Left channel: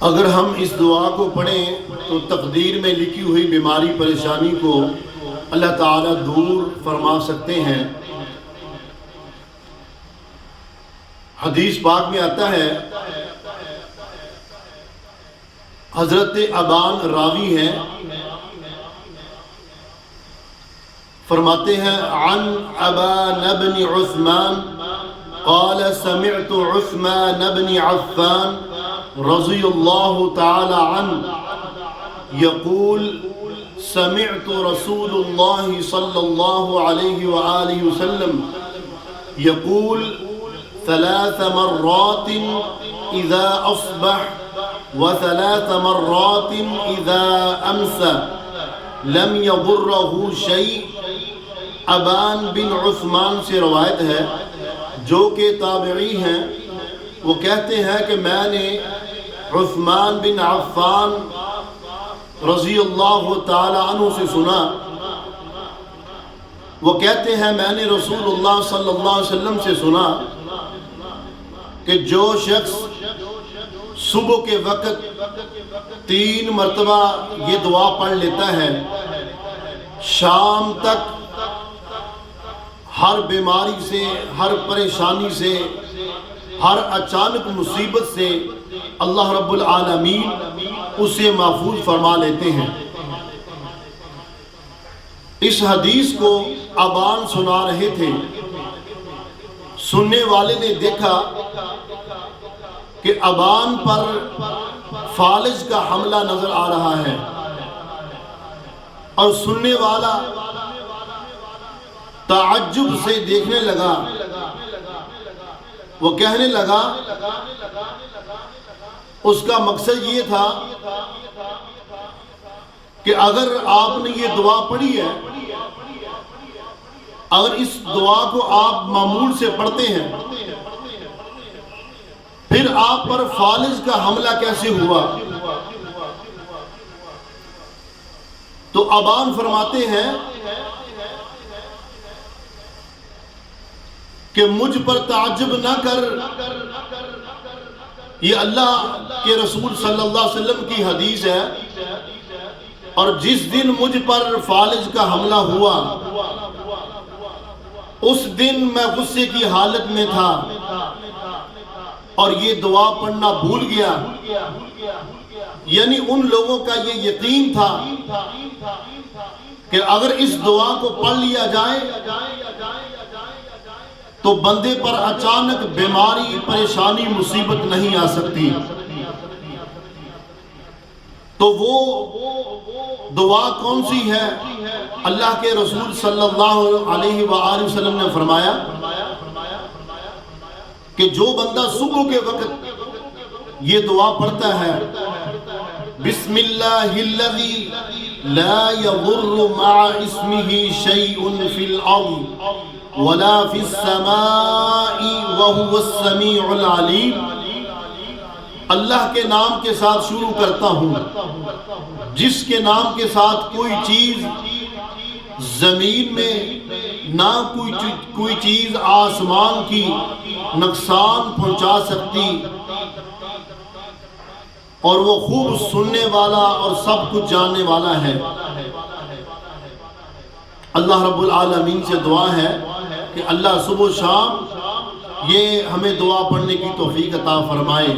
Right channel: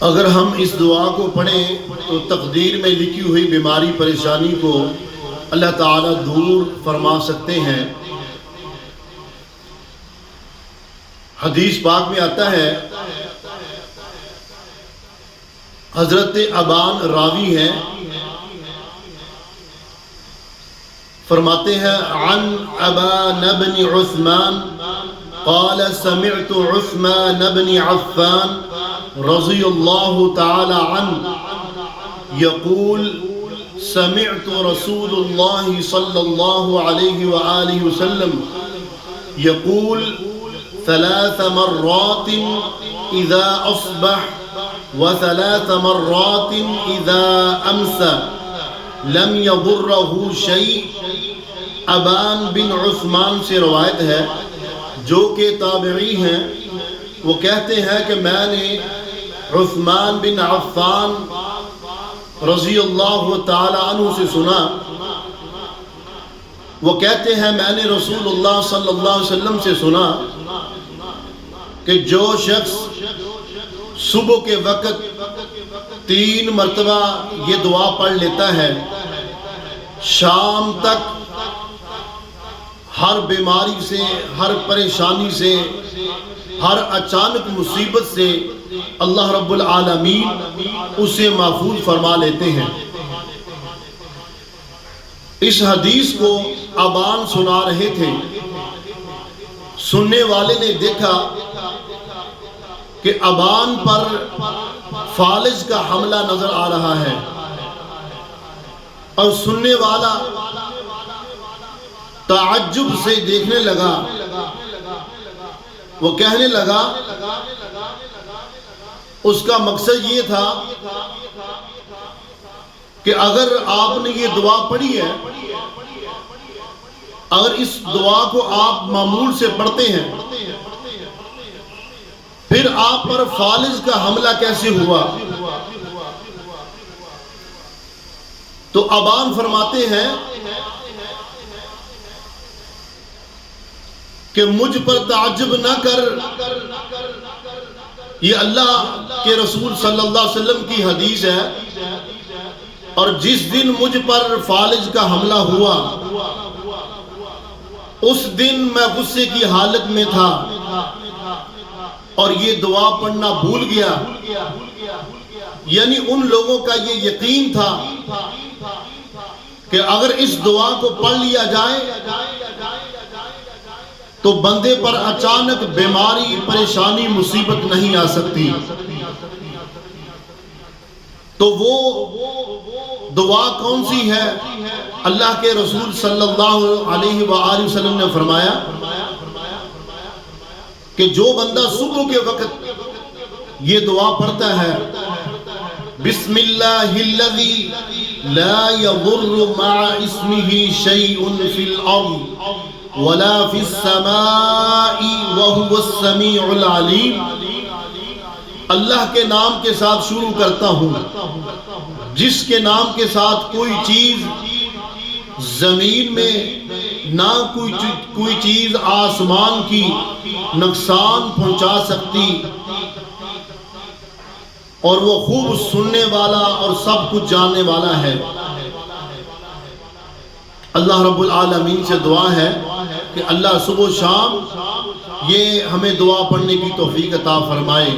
اگر ہم اس دعا کو پڑھیں تو تقدیر میں لکھی ہوئی بیماری پریشانی کو اللہ تعالیٰ دور فرما سکتے ہیں۔ حدیث پاک میں آتا ہے، حضرت ابان راوی ہیں، فرماتے ہیں عن ابان بن عثمان قال سمعت عثمان بن عفان رضی اللہ تعالی عنہ یقول سمعت رسول اللہ صلی اللہ علیہ وآلہ وسلم یقول ثلاث مرات اذا اصبح وثلاث مرات اذا امسى لم يضره شيء۔ ابان بن عثمان سے روایت ہے جو کہ تابعی ہیں، وہ کہتے ہیں کہ میں نے عثمان بن عفان رضی اللہ تعالی عنہ سے سنا، وہ کہتے ہیں میں نے رسول اللہ صلی اللہ علیہ وسلم سے سنا کہ جو شخص صبح کے وقت 3 مرتبہ یہ دعا پڑھ لیتا ہے، شام تک ہر بیماری سے، ہر پریشانی سے، ہر اچانک مصیبت سے اللہ رب العالمین اسے محفوظ فرما لیتے ہیں۔ اس حدیث کو ابان سنا رہے تھے، سننے والے نے دیکھا کہ ابان پر فالج کا حملہ نظر آ رہا ہے، اور سننے والا تعجب سے دیکھنے لگا۔ وہ کہنے لگا، اس کا مقصد یہ تھا کہ اگر آپ نے یہ دعا پڑھی ہے، اگر اس دعا کو آپ معمول سے پڑھتے ہیں، پھر آپ پر فالج کا حملہ کیسے ہوا؟ تو ابان فرماتے ہیں کہ مجھ پر تعجب نہ کر، یہ اللہ کے رسول صلی اللہ علیہ وسلم کی حدیث ہے، اور جس دن مجھ پر فالج کا حملہ ہوا اس دن میں غصے کی حالت میں تھا اور یہ دعا پڑھنا بھول گیا۔ یعنی ان لوگوں کا یہ یقین تھا کہ اگر اس دعا کو پڑھ لیا جائے تو بندے پر اچانک بیماری، پریشانی، مصیبت نہیں آ سکتی۔ تو وہ دعا کون سی ہے؟ اللہ کے رسول صلی اللہ علیہ وآلہ وسلم نے فرمایا کہ جو بندہ صبح کے وقت یہ دعا پڑھتا ہے، بسم اللہ الذی لا یضر مع اسمہ شیء فی الارض ولا فی السماء وهو السمیع العلیم، اللہ کے نام کے ساتھ شروع کرتا ہوں جس کے نام کے ساتھ کوئی چیز زمین میں، نہ کوئی چیز آسمان کی نقصان پہنچا سکتی، اور وہ خوب سننے والا اور سب کچھ جاننے والا ہے۔ اللہ رب العالمین سے دعا ہے کہ اللہ صبح و شام یہ ہمیں دعا پڑھنے کی توفیق عطا فرمائے۔